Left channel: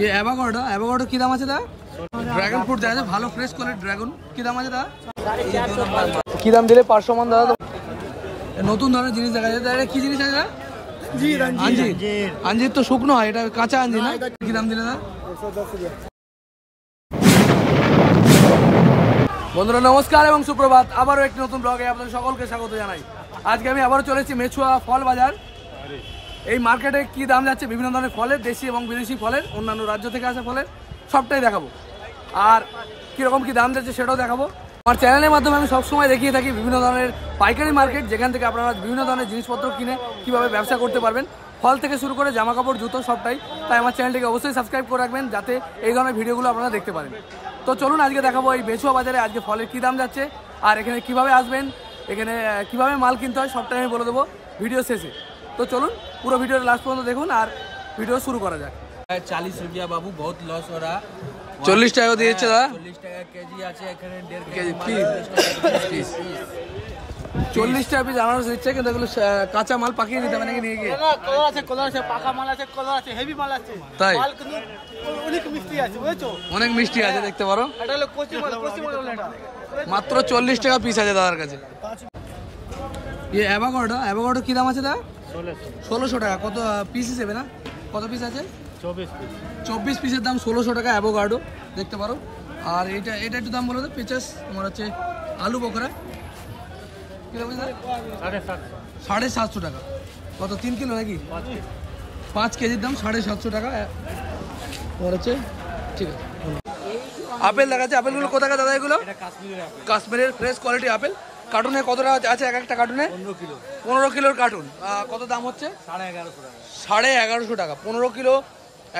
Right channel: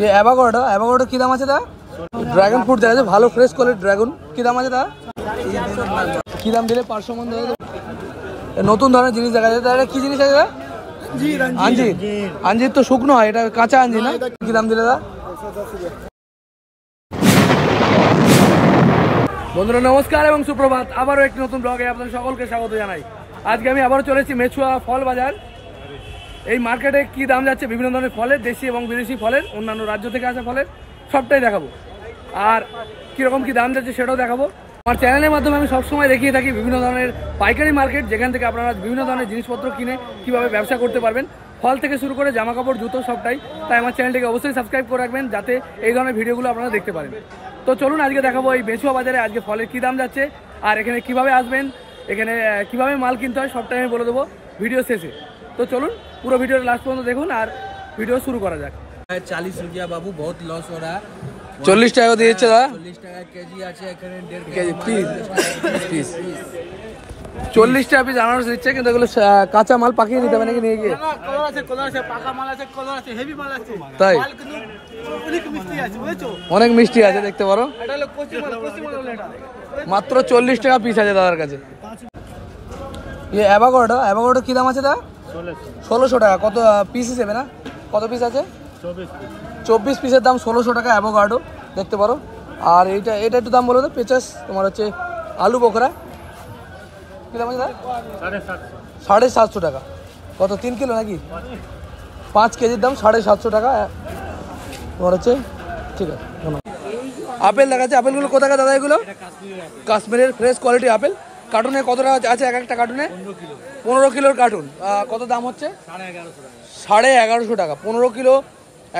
ये एवोकाडो কি দাম আছে দা? ড্রাগন ফ্রুট দেখা যাচ্ছে ভালো ফ্রেশ কোয়ালিটি ড্রাগন কি দাম আছে দা? কি দাম দিলে 500 মান দাদা? নতুন ধরনের জিনিস দেখা যাচ্ছে। এটা কি জিনিস আছে দা? আঞ্জির। আঞ্জির তো শুকনো হয়, এটা কাঁচা আঞ্জির না? কি দাম দিলে দা? বন্ধুরা নমস্কার এবং সুপ্রভাত, আবারও একটি নতুন ব্লগে আপনাদের সকলকে স্বাগত জানাই। আজকে আমি আবারও চলেছি মেছুয়া ফল বাজার। এই মার্কেটে কি দাম যাচ্ছে বিভিন্ন ধরনের ফলের, দেশি এবং বিদেশি ফলের, অন্যান্য রাজ্য থেকে আসা ফলের সবটাই দেখাবো। আর কীরকম কি দাম যাচ্ছে সেটাও দেখাবো। আমার চ্যানেলের মাধ্যমে আমি সবসময় দেখিয়ে থাকি বিভিন্ন ধরনের পাইকারি মার্কেট, যেখান থেকে আপনারা বিভিন্ন ধরনের জিনিসপত্র কিনে কীভাবে ব্যবসা করতে পারবেন, ফল থেকে শুরু করে জামা কাপড় জুতো সবটাই। তাই আমার চ্যানেলটিকে অবশ্যই সাবস্ক্রাইব করে রাখবেন যাতে এই ধরনের ভিডিওগুলো আপনারা দেখতে পারেন। তো চলুন আজকে দেখাবো এই মেছুয়া বাজারে আজকে ফলের কী দাম যাচ্ছে, আর এখানে কিভাবে আসবেন, এখানে কিভাবে মাল কিনতে হয় সবটাই আমি বলে দেবো ভিডিও শেষে। তো চলুন পুরো ভিডিওর লাস্ট পর্যন্ত দেখুন আর ভিডিও শুরু করা যাক। 40 रुपया बाबू, बहुत लॉस हो रहा। 40 টাকা দিয়েছে দাদা। 40 টাকা কেজি আছে, এখানে 1.5 কেজি পিস 40 টাকা পিস আনারস দিচ্ছে, কিন্তু এগুলো কাঁচা মাল পাকিয়ে নিতে হবে নাকি নিয়ে গিয়ে? তাই অনেক মিষ্টি আছে দেখতে পারো। মাত্র 40 টাকা পিস আছে দাদার কাছে। অ্যাভোকাডো কি দাম আছে দা? 1600 টাকা। কত পিস হিসেবে না, কত পিস আছে? 24 পিসের দাম 1600 টাকা অ্যাভোকাডো দেখতে পারো। আর এটা একটু দাম বলো তো, পেঁচাস তোমার হচ্ছে আলু বোখরা কি দাম আছে দা? 750 টাকা। কত 3 কিলো নাকি? 5 কেজির দাম 750 টাকা তোমার হচ্ছে। ঠিক আছে, আপেল দেখাচ্ছে। আপেলগুলো কত টাকা দাদা? এগুলো কাশ্মীরের ফ্রেশ কোয়ালিটি আপেল। কার্টুনে কত টাকা আছে? এক একটা কার্টুনে 15 কিলোর কার্টুন। কত দাম হচ্ছে? 1150 টাকা। 15 কিলো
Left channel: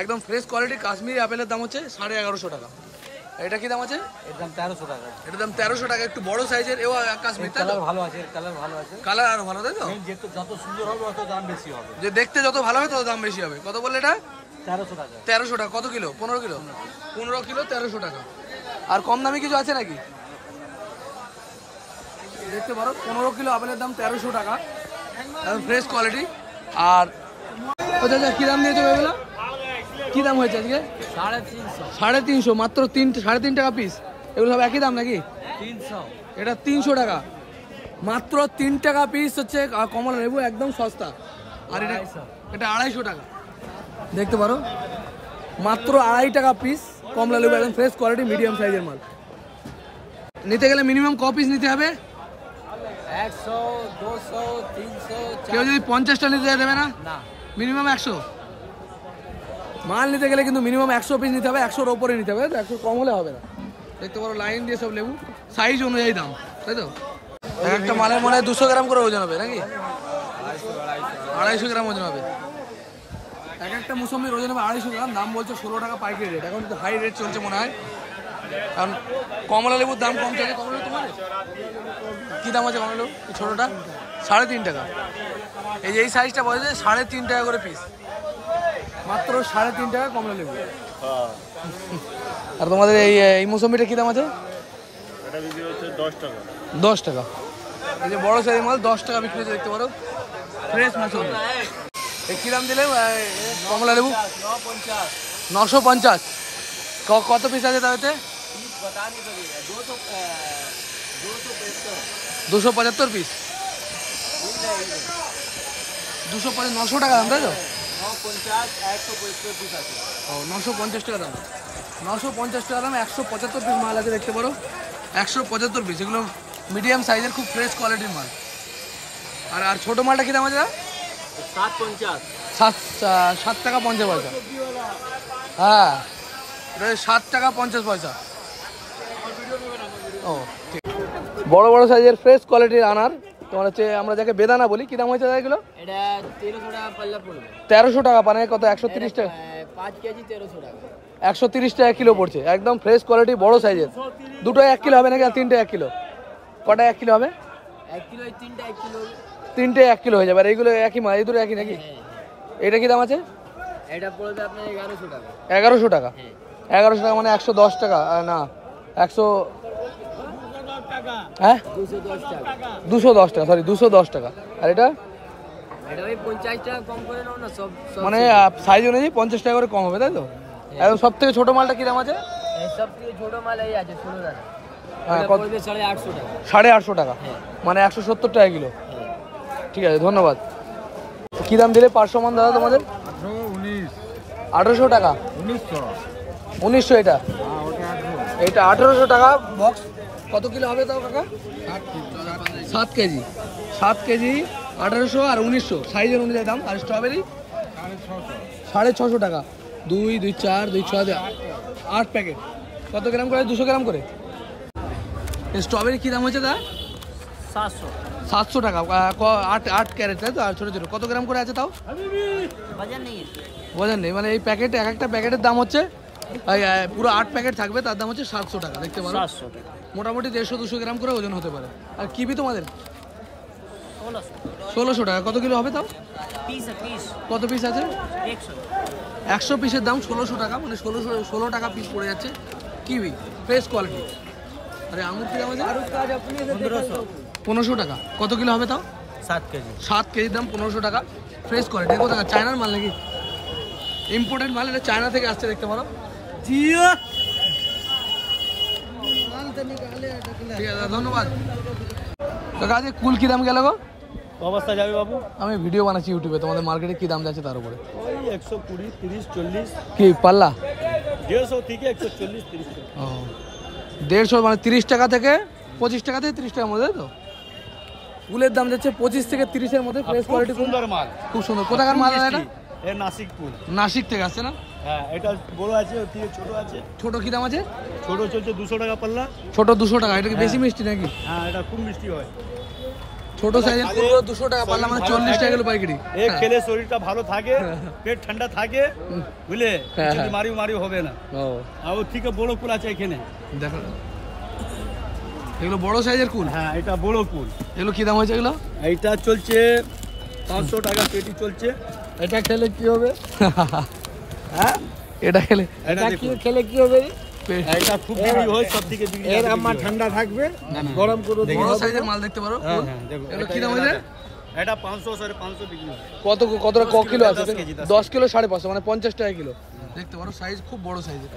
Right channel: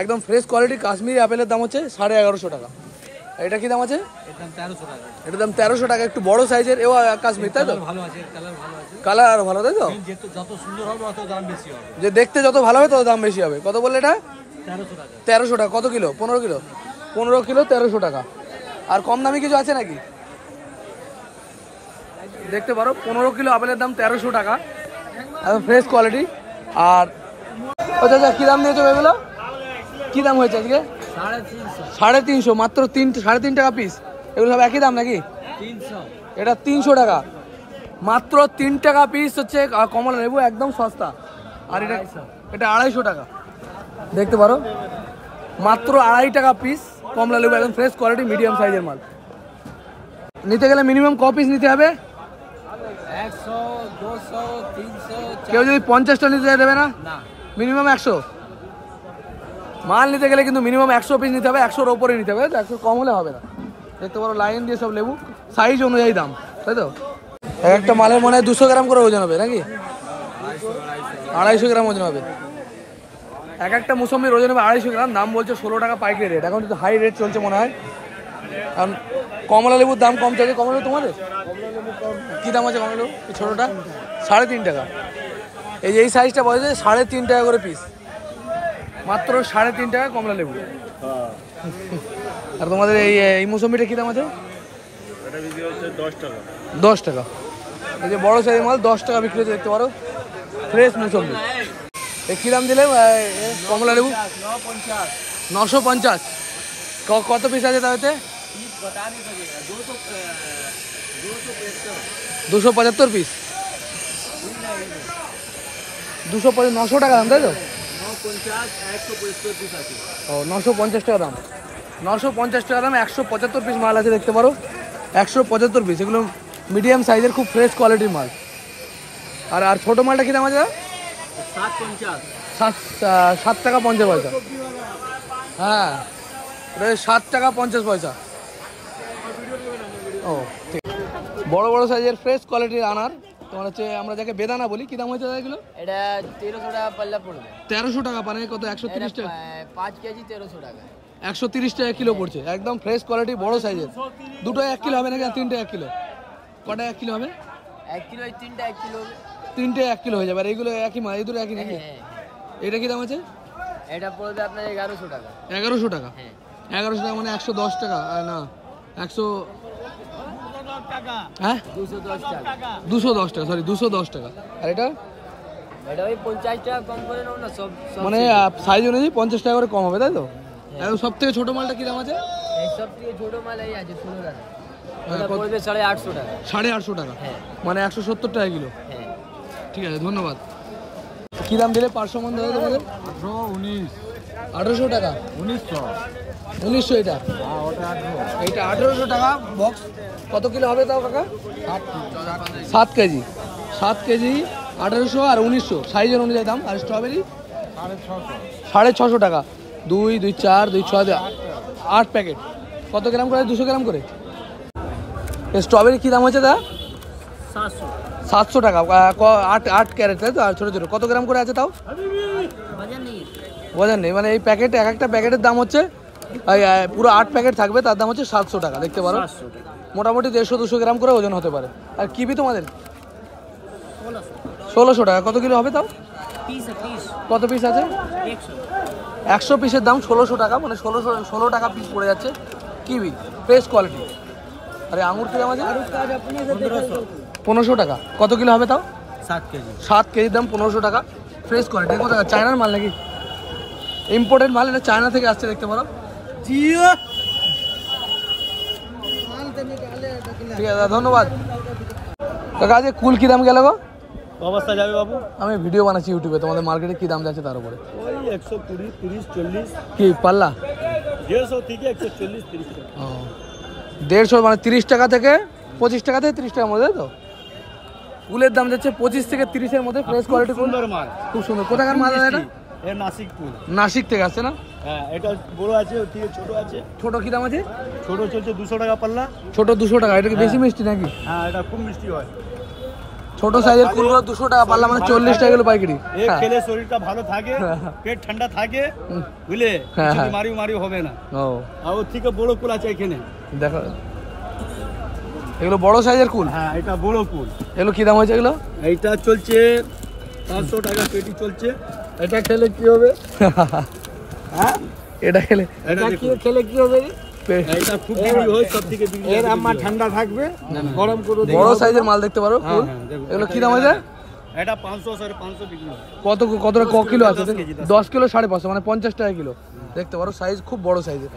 একদম ফ্রেশ কোয়ালিটি কাশ্মীরি আপেলের দাম হচ্ছে 1150 টাকা। এটা কি দাম আছে? এটার দাম 1300 টাকা। একটু বড় সাইজের এও কাশ্মীর, তাই তো? কালার আরো ভালো, তাই তো? যে দেখতে যত ভালো হবে তত দাম বেশি হবে। কত বললে এটা? 1300 টাকা। কত কিলো? 15 কিলো। 15 কিলো 1300 টাকা। আর কম দামি কিছু আছে নাকি? দেখতে পারো 15 কিলো আপেলের দাম 1300 টাকা, একদম ফ্রেশ কোয়ালিটি। আর আচ্ছা কি দাম দিয়েছো এগুলো? কি দাম হয়েছে আজকে? 350। মাত্র 3.5 টাকা পিস। এগুলো সব একই দাম নাকি? 300। এটা 300 টাকা। মাত্র 3 টাকা পিস হচ্ছে কমলা লেবু, একদম সস্তা। আর এটা 250 টাকা। দেখতে পারো মাত্র 2.5 টাকা পিস কমলা লেবু, একদম ফ্রেশ কোয়ালিটি মিডিয়াম সাইজের মাল। নিতে গেলে মিনিমাম ক পিস নিতে হবে? 100, 200, 300। কেউ যদি 50টা নিতে দেবে না? মিনিমাম 100 মাল নিতে গেলে কিন্তু মিনিমাম 100 পিস নিতে হবে। 100-র ওপরে নিতে হবে, 100 কম হলে হবে না। দেখতে পারো লাইন দিয়ে সব লেবু, সাইজ অনুযায়ী দাম, তাই তো? একটা মালের মনে হয় 200 গ্রাম করে ওজন হবে নাকি? 250 গ্রাম ওজন হবে। একটা মুসম্বির ওজন হবে 250 গ্রাম। দাম বলছে 16 টাকা পাইকারি রেট। এখন কিন্তু হাই রেট চলছে মনে হয়, কারণ কমলা লেবুর দাম কম চলছে। কমলা লেবু তোমাদের কি দাম আছে? কমলা লেবু ছোটোটা 3.5 টাকা। এই সাইজটা বলছে 3.5 টাকা করে পিস। মাত্র 3.5 টাকা কমলা লেবু। আর তোমাদের এই মৌসুমিটা কি দাম আছে? 10 টাকা। এই যে বড় সাইজের মাল 10 টাকা বিক্রি হচ্ছে, দেখতে পারো ফ্রেশ মৌসুমি। এই কি দাম দিলে কমলা লেবু? 950। কত পিস আছে তাতে? 275 পিস। 900 টাকা দাম, তাই তো? 950 টাকা দাম। 950 টাকা দাম। 175 পিস মাল আছে দেখতে পারো। 175 পিস। এগুলো মিডিয়াম সাইজের খুব ফ্রেশ কোয়ালিটির মাল। আর ছোট মালটা কি দাম আছে? 7 টাকা 50 পয়সা। হ্যাঁ, এটা 7 টাকা 50 পয়সা। ও ঠিক। বড় বড় সাইজের ফ্রেশ কোয়ালিটির আনার তোমার হচ্ছে, আমরা যাকে বেদানা বলি। কি দাম হয়েছে এগুলো? এটা 1300 টাকা পাল্লা পড়বে। 1300 টাকা। মানে কত? 130 টাকা। 5 কেজি 1300 টাকা। 130 টাকা কিলো পড়ছে। একদম ফ্রেশ কোয়ালিটি বড় সাইজের। দুটো 1 কিলো হবে নাকি? আর তিনটে 1 কিলো? কটা 1 কিলো হবে? 1 কিলো, 3টা 1 কিলো। তিনটে 1 কিলো হয়ে যাবে। আর এইগুলো একই মাল? এই দুটো একই নাকি? এটা কি দাম আছে? এটা পড়বে আপনার 1100 টাকা। 1100 টাকা। 1100 টাকা মানে 110 টাকা না, 100 হ্যাঁ 210 টাকা। সরি 210 টাকা। আর এটা এটা ভাই 50 টাকা কম করে নাও না, সব মানে সাইজ অনুযায়ী 50 টাকা করে কম হবে, তাই তো? এবং সব থেকে ছোট মালটা কি দাম আছে? এই সব থেকে ছোট মাল এই আছে 16 টাকা। হ্যাঁ, কত? 850 টাকা। 850 টাকা, মানে 170 টাকা কিলো। ঠিক আছে, ধন্যবাদ। কি দাম দিলে 500 মান দাদা তোমাদের? 1800 টাকা। 1900 এটা? এটা 1800 টাকা বক্স। কত কিলো হবে তাও কাকা? 7 কেজি। 7 কেজি 1800 আর 1900 সাইজের অনুযায়ী দাম। আর স্ট্রবেরি 650 টাকা। 2 2 4 2 6 8 প্যাকেট। কত গ্রাম করে? 200 গ্রাম করে। স্ট্রবেরি কি দাম হয়েছে দা? 700 টাকা। 8 ক্যারেট, তাই তো? আর ছোটো ছোটো কত গ্রাম করে আছে তাও? ওজন নেই, মানে এই প্যাকেট, এক একটা প্যাকেটের দাম হচ্ছে পুরো 8 প্যাকেট থাকবে, তার দাম হচ্ছে 700 টাকা। দেখতে পারো, মোটামুটি 150-200 গ্রাম করে ওজন হতে পারে। আর কিবি তোমাদের 1600 টাকা। কত কিলো হবে তাও? কত পিস আছে? 100 পিসের দাম 1600 টাকা, মানে 16 টাকা পিস পড়ে যাচ্ছে কিবি, ফ্রেশ কোয়ালিটি। আরে আঙুর কি দাম আছে? 1500 টাকা। কত কিলো হবে তাও? 7 কেজি। 7 কেজির দাম 1500 টাকা, ফ্রেশ কোয়ালিটি। কত টাকা? চায়নার মাল নাকি ইম্পোর্টেড মাল? এটা চায়না থেকে আসছে, দেখতে পারো। ঠিক আছে, ধন্যবাদ কাকা। আজ কুল কি দাম গেল গো? অবস্থা যাবে বাবু। আমি ভিডিও বানাচ্ছি ইউটিউবে, তোমাদের মার্কেটে কি দাম যাচ্ছে তার উপরে। ওই 120, 30, 40। কি পাল্লা? 150 থেকে 140, 30 টাকা। 150, মানে 30 টাকা থেকে 25 টাকা থেকে 30 টাকার মধ্যে, তাই তো? কুলের দাম যাচ্ছে 25 থেকে 30-এর মধ্যে, ফ্রেশ কোয়ালিটি কুল, সুন্দর মাল, খুব সুন্দর। কোথাকার মাল এটা? এর নাসিক কুল। নাসিক থেকে আসছে না? হ্যাঁ, এটা বড় আছে, ওর থেকে ছোট আছে। ছোট কি দাম আছে? ছোট চলছে 200 টাকা পাল্লা। ছোট 200 টাকা। এটা কি বেশি মিষ্টি নাকি? হ্যাঁ, এটা খুব মিষ্টি হয়। ছোট সাইজের কুলগুলো 200 টাকা পাল্লা, মানে 40 টাকা কিলো পাইকারি। এই খেলে শরীরটা ভালো থাকে, পেট ঠান্ডা থাকে, বুঝলে? হ্যাঁ, কিছু হ্যাঁ। মারি হবে না। আর ওর থেকে বড় কুল আছে এখানে, দেখো, এগুলো বড় সাইজের কুল। হ্যাঁ, এটা বড় কুল। এগুলো কি দাম হয়েছে এগুলো? এইটা চলছে 500 টাকা পেটি চলছে। এটা খেলে কি হবে? হ্যাঁ, এটা খেলে খেলে কি হবে? এটা খুব বিক্রি হয়, সব থেকে বিক্রি। এর আমার ঠান্ডা থাকবে, গরম করে বড় সাইজের মাল, দেখতে পারো কুল। এগুলো কি দাম হয়েছে? এটা 500, 550 বিক্রি হয়। কত কত কিলো আছে? 10 কিলো 550, মানে 50 টাকা কিলো। দেখতে পারো, সাইজ খুব বড় সাইজের।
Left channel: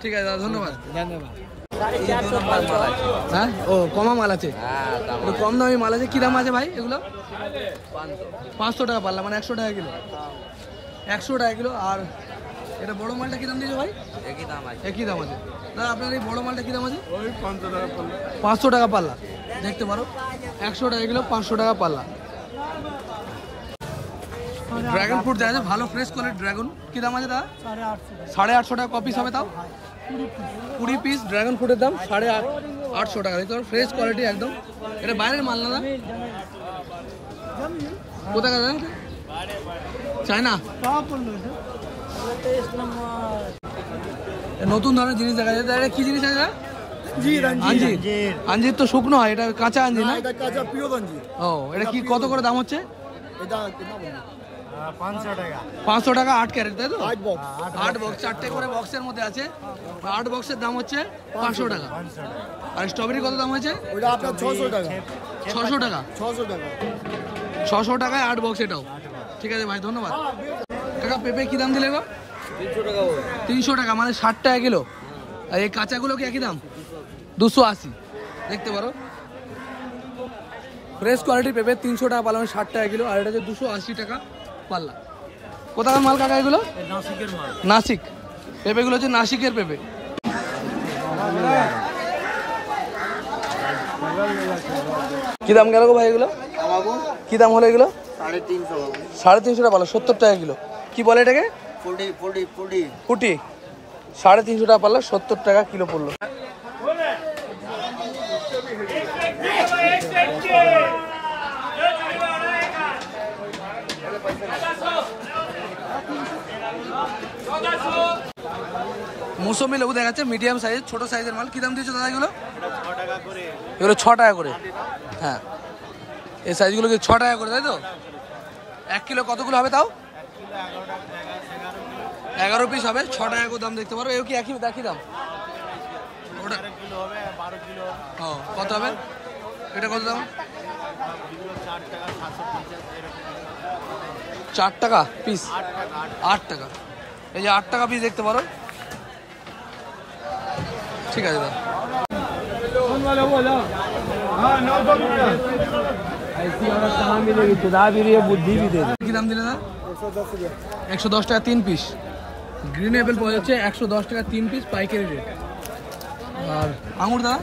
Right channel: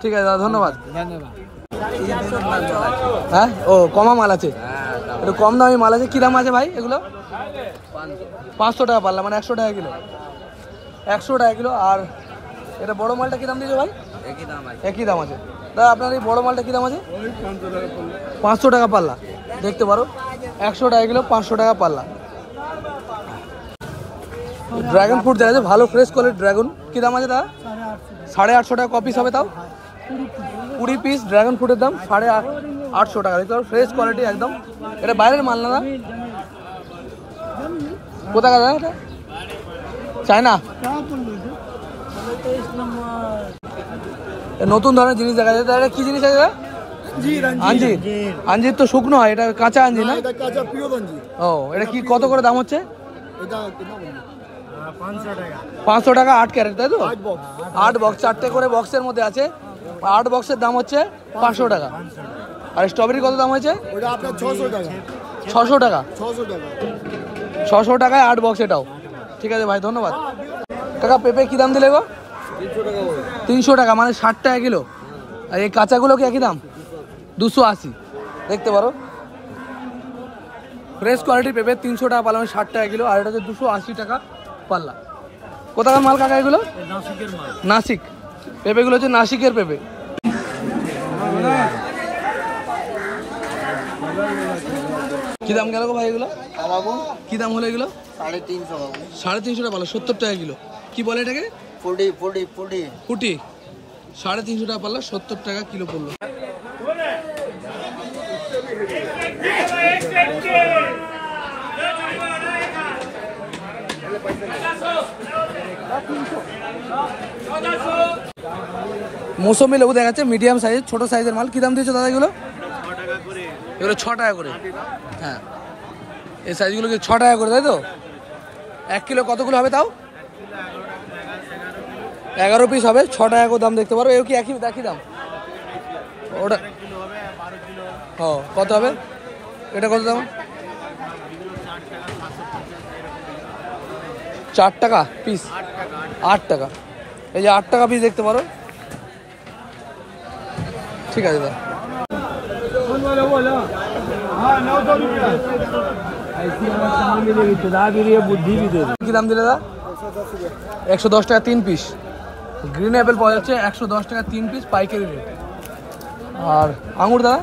ঠিক আছে দাদা, ধন্যবাদ। হ্যাঁ, ও কমা মাল আছে, একটু কম দামি মাল আছে। কি দাম আছে ভাই এগুলো? 500 টাকা পাল্লা, মানে 100 টাকা কিলো। 100 টাকা কিলো। আর এটা বড় মালটা কি দাম দিয়েছে ভাই? একই দাম আছে। দাদা আপনার এই বড় মালটা কি দাম আছে? 500 টাকা পাল্লা। দেখতে পারো, 100 টাকা কিলো, 500 টাকা পাল্লা। ড্রাগন ফ্রুট দেখা যাচ্ছে, ভালো ফ্রেশ কোয়ালিটি ড্রাগন। কি দাম আছে দাদা? 850 টাকা। কপিস হবে তাও? 20 পিস ড্রাগন ফ্রুটের দাম 850 টাকা। দেখতে পারো, ফ্রেশ কোয়ালিটি একদম। এটা বাইরের মাল না দাদা? কোথাকার দাদা এটা? চায়না? নতুন ধরনের জিনিস দেখা যাচ্ছে। এটা কি জিনিস আছে দাদা? আঞ্জির। আঞ্জির তো শুকনো হয়, এটা কাঁচা আঞ্জির না? ও, এটা কি কত করে দাম হচ্ছে? 500 টাকা 8 ক্যারেট, তাই তো? 8 বক্স, 4টে করে বক্সের মধ্যে আছে। 8 বক্সের দাম হচ্ছে 500 টাকা। আর স্ট্রবেরি কত দাম হয়েছে? 600 টাকা। 600 টাকায় 8 বক্স এটাও। ঠিক আছে ভাই, ধন্যবাদ কাকা। পেঁপে কি দাম দিলে গো? 300 টাকা, মানে 60 টাকা কিলো। আর এই কাঁচাগুলো কি একই দাম? 280। দেখতে পারো, ফ্রেশ কোয়ালিটির পেঁপে 300 টাকা পাল্লা, মানে 60 টাকা কিলো। আর এটা হচ্ছে 280 টাকা পাল্লা। কোথাকার মাল কাকা এগুলো? নাসিকের মাল। নাসিক। পেঁপেগুলো হচ্ছে নাসিকের পেঁপে। কি দাম গেল গো ভাই এগুলো? কি দাম হলো এগুলো? 350 টাকা পাল্লা, 70 টাকা কিলো। কি বলে এটাকে? ফুটি। 350 টাকা পাল্লা, 70 টাকা কিলো পড়লো। মৌসুমি লেবু দেখাচ্ছে, মিডিয়াম সাইজ, ছোট সাইজের মাল। কি দাম দিয়েছো দাদা এগুলো? এগুলো 6 টাকা করে। হ্যাঁ, এই সাইজগুলো কি 6 টাকা করে, তাই তো? 1 কিলো কতগুলো হবে তাও? 11 পিস হবে, 6 টাকা করে দাম। দেখতে পারো, এর কি একই দাম? ওটা কত হবে? এটা কত দাম? 4 টাকা পিস। 8 টাকা। এই যে 8 টাকা পিস, দেখতে পারো। ঠিক আছে দাদা। কি দাম দিলে দাদা? 110 টাকা 3 পিস গ্রিন অ্যাপেল পাওয়া যাচ্ছে 110 টাকা 3 পিস পাইকারি রেট। আর আঙুর দাদা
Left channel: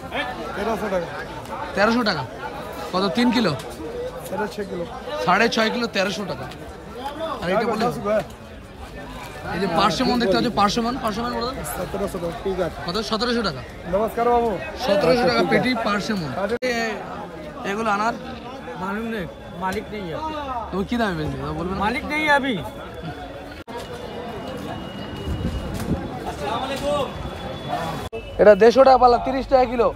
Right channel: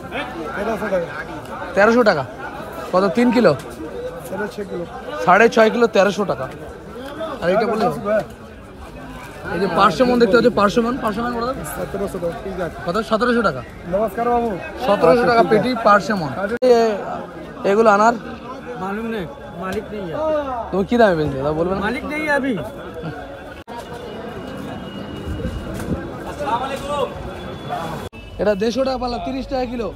1300 টাকা। কত 3 কিলো? 6.5 কিলো 1300 টাকা। আর এটা বলে এই যে পার্সেমন দেখতে হচ্ছে, পার্সেমন কত 1700 টাকা। নমস্কার বাবু, 1700 টাকা পেটি পার্সেমন। এগুলো আনার मालूम नहीं, मालिक नहीं है। তুমি কি দামে বেচবে দাদা বলবেন? मालिक नहीं है अभी। এটা 150 টাকা পাল্লা 30 টাকা কিলো।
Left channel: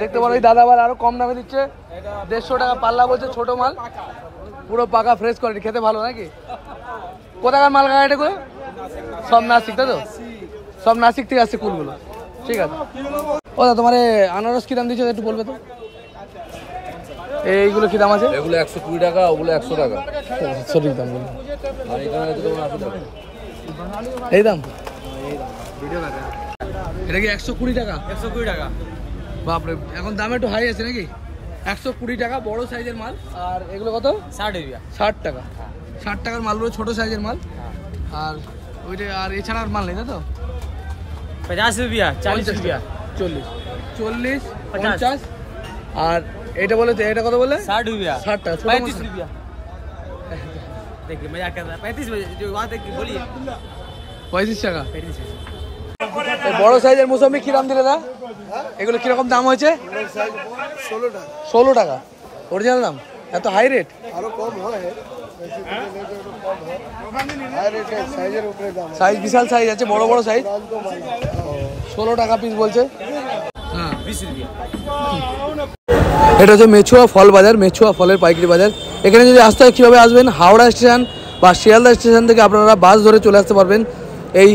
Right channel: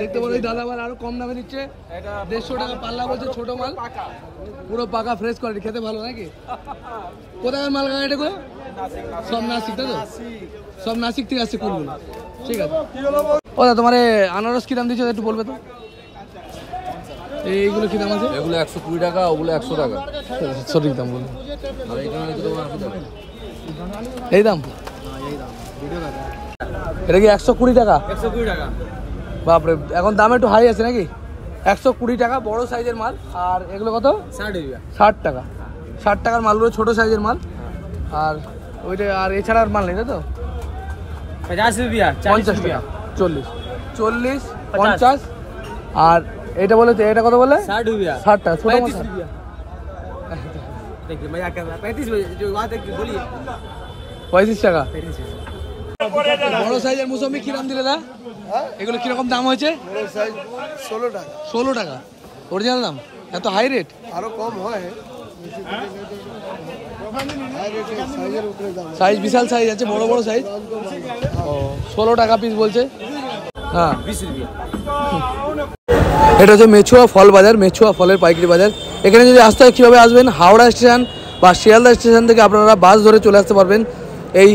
দেখতে পারো এই দাদা আবার আরো কম দামে দিচ্ছে, 150 টাকা পাল্লা বলছে। ছোট মাল পুরো পাকা ফ্রেশ কোয়ালিটি, খেতে ভালো নাকি? কোথাকার মাল গাড়ি এগুলো? সব নাসিক, তাই তো? সব নাসিক থেকে আসছে কুলগুলো। ঠিক আছে। ও দাদা তোমার আনারস কি দাম দিচ্ছে একটু বলবে তো? এইগুলো কি দাম আছে? এগুলো 120 টাকা, ওগুলো 100 টাকা। সঠিক দাম বলুন। আর এখানে তোমার 80 টাকা। এই দাম? এটা কি 120 টাকা? 120 টাকা। বাপরে, এখন দাম একটু হাই আছে নাকি? 120 টাকা বড় সাইজের মাল। আর এগুলো কত? 60 रुपया। 60 টাকা। 60 টাকার মালগুলো ছোট সাইজের মাল। আর ওইটা আর এছাড়া আর মাল নেই, তাই তো? 50 रुपया, 40 रुपया, 40 40 50। আর এটা বলে তো, এটা কত বলে? 60 रुपया, 60 টাকা। ছোট 35 रुपया। देखिए मजाक कर रहा है। 35 जो बात है कि बोलिए। 35 টাকা। 35 रुपया। এই বড় সাইজের মুসাম্বি কি দাম দিলে দা? এগুলো কিরকম দাম হয়েছে? 16 টাকা অরিজিনাল দাম। এত হাই রেট? সাইজ বিশাল সাইজ আছে, বড় বড় সাইজ। 16 টাকা পিস বলছে। হ্যাঁ 20 रुपया। এটা হচ্ছে মেছুয়া ফল বাজার, মেছুয়া ফলের পাইকারি বাজার। এখানে যদি আসতে হয় কীভাবে আসবেন? হাওড়া স্টেশন বা শিয়ালদা স্টেশন থেকে আপনারা বাস ধরে চলে আসতে পারবেন এই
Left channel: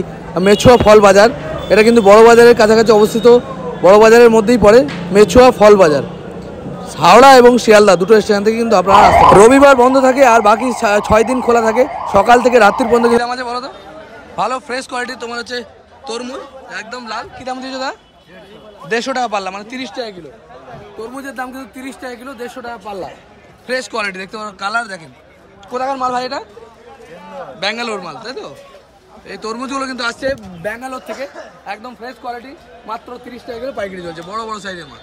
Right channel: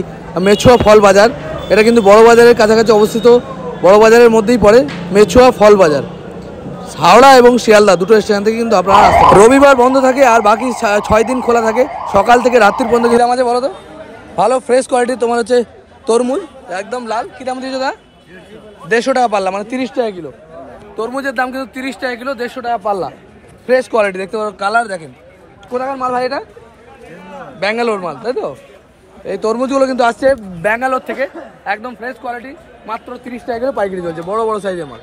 মেছুয়া ফল বাজার। এটা কিন্তু বড় বাজারের কাছাকাছি অবস্থিত, বড় বাজারের মধ্যেই পড়ে মেছুয়া ফল বাজার। হাওড়া এবং শিয়ালদা দুটো স্টেশন থেকে কিন্তু আপনারা আসতে পারেন। রবিবার বন্ধ থাকে আর বাকি 6 দিন খোলা থাকে, সকাল থেকে রাত্রির পর্যন্ত। কী দাম আছে বলো তো? ভালো ফ্রেশ কোয়ালিটির তোমার হচ্ছে তরমুজ, একদম লাল। কী দাম দিয়েছে দাদা? 150 টাকা পাল্লা, মানে 30 টাকা কিলো। তরমুজের দাম কিন্তু 30 টাকা কিলো, 150 টাকা পাল্লা। ফ্রেশ কোয়ালিটি, দেখতে পারো কালার দেখেন। কোথাকার মাল ভাই? এটা ব্যাঙ্গালোর মাল, তাই তো? এই তরমুজগুলো কিন্তু আসছে ব্যাঙ্গালোর থেকে, একদম ফ্রেশ কোয়ালিটি, মাত্র 30 টাকা কিলো পাইকারি চলছে, বড় বড় সাইজের মাল।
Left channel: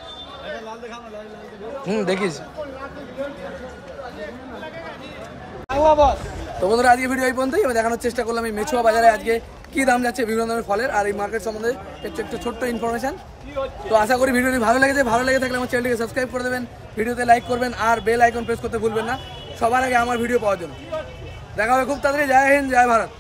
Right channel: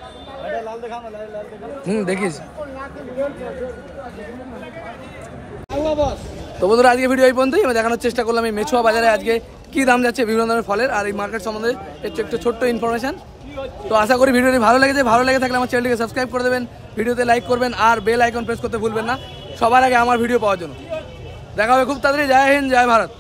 দেখিস। তো বন্ধুরা আজকে ভিডিও এই পর্যন্তই। আমি দেখানোর চেষ্টা করলাম এই মেছুয়া বাজারে আজকে কি দাম যাচ্ছে বিভিন্ন ধরনের ফলের, আর এই মার্কেট সম্বন্ধে একটু ছোট্ট ইনফরমেশন। তো আশা করি ভিডিওটি ভালো লেগেছে। ভালো লেগে থাকলে আমার চ্যানেলটিকে সাবস্ক্রাইব করে দেবেন, ভিডিওতে লাইক করবেন আর বেল আইকন প্রেস করতে ভুলবেন না সবার আগে আমার ভিডিও পাওয়ার জন্য। দেখা হবে খুব তাড়াতাড়ি। জয় হিন্দ, জয় ভারত।